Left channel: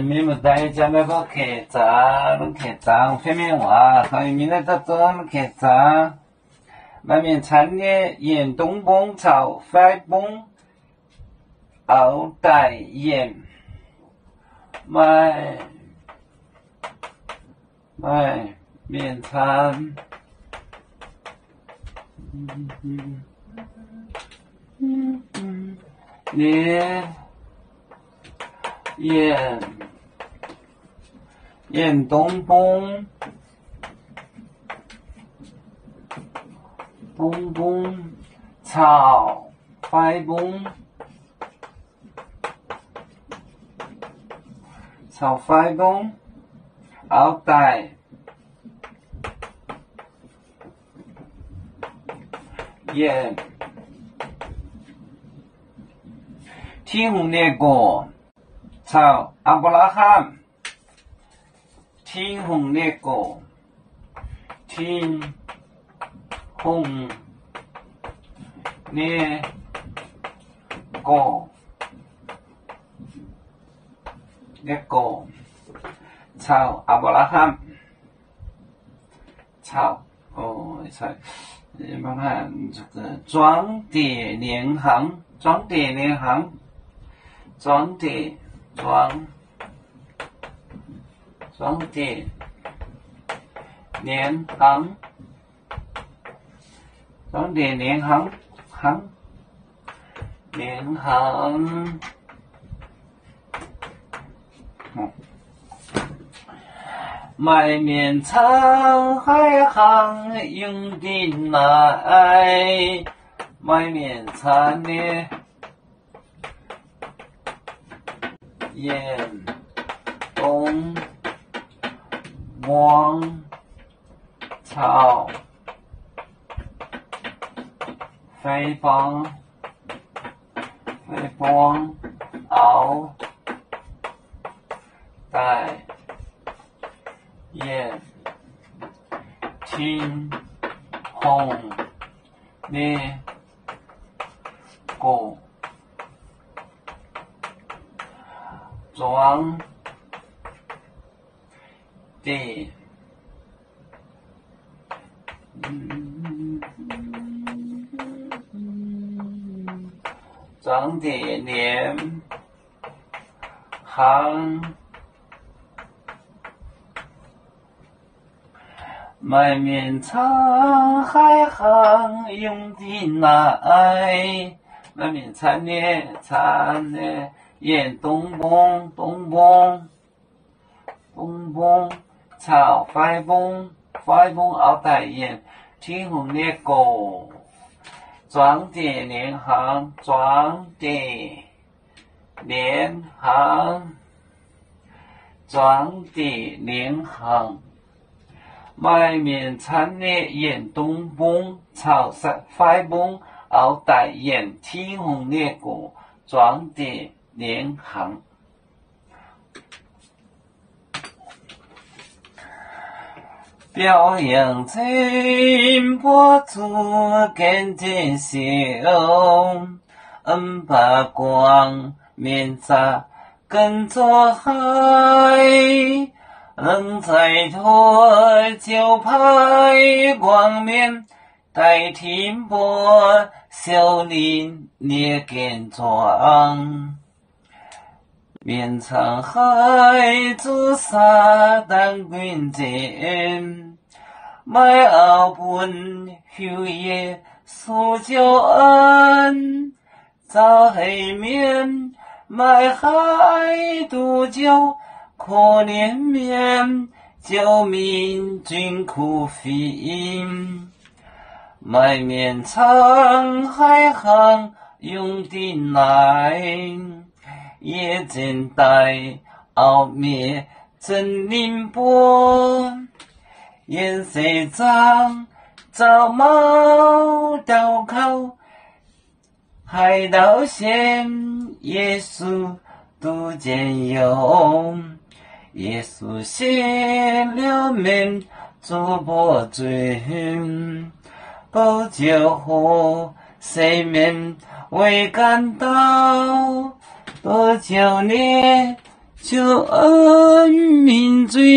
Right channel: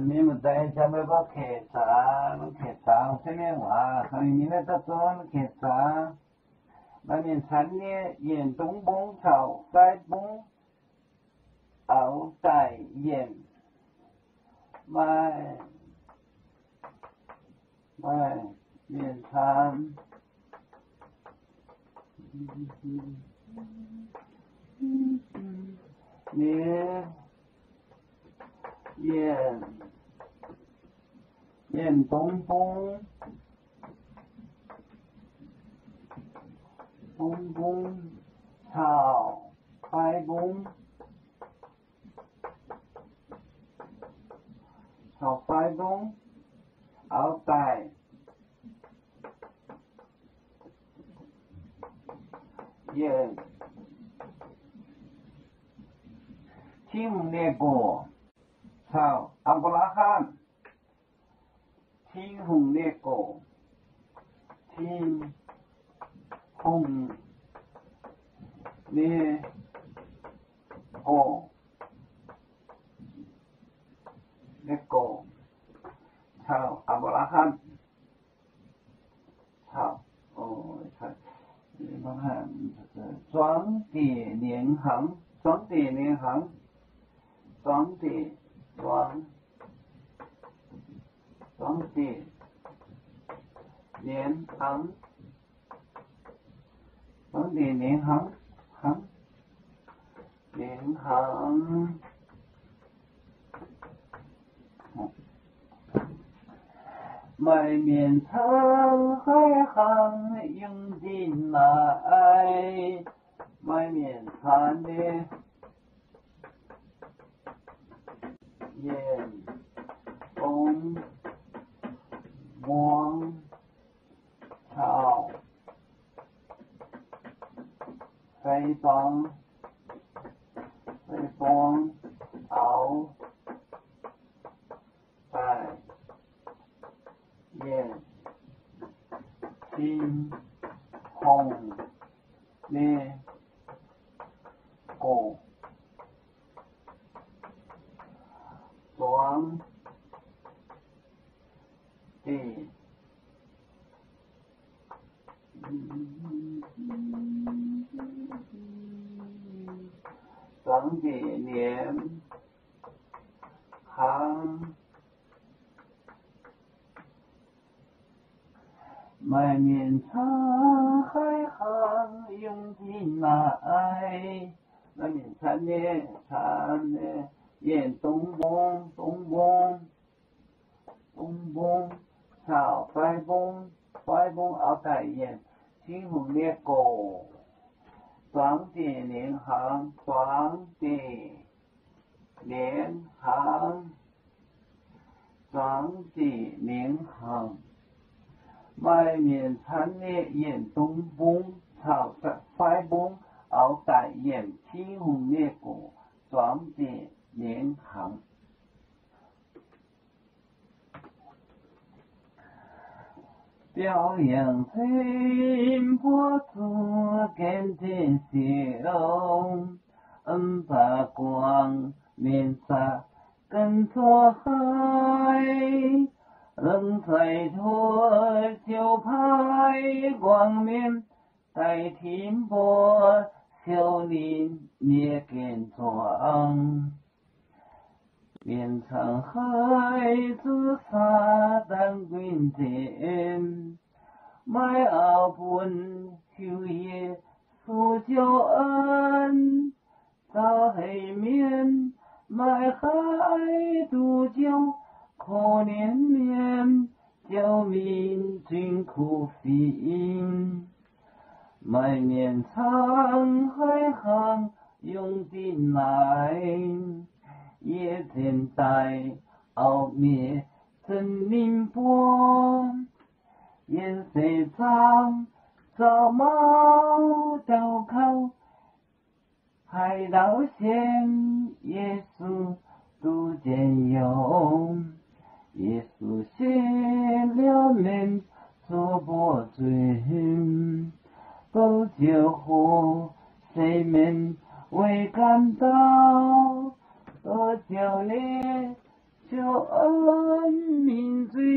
mình một tay cho mấy có khề trả, nó khề trả, phía mình hòa, còn mình lại tập cho nó khề trả. Mà mình产业远东风草发风熬带远，卖面产，连远东风草发风。炒饭工，熬带，盐，天红烈果，炒阿布拉罕，天红烈果，天红烈果。Gecko 炒阿伯拉罕炒菜包含这个装碟联行装碟联行装碟联行装碟联行卖面厂海航用的来，卖面厂的远东王朝飞帮熬带眼听红烈果装的联行卖面厂海航用的来，卖面厂的沿东风炒快风熬带沿天红烈果装碟联行卖面产业沿东风炒快风熬带沿天红烈果装碟联行表扬真博主跟真秀把光面茶跟着海人在托就派光面代天波小林列根装面场海主沙当军舰买澳本休夜苏州恩早黑面买海渡酒可怜面救民军苦费买面场海航用的来也真带奥灭真宁波颜色脏早猫刀口海盗线耶稣都见有耶稣写了面做波罪不救火谁面为感到不救你救恩民罪。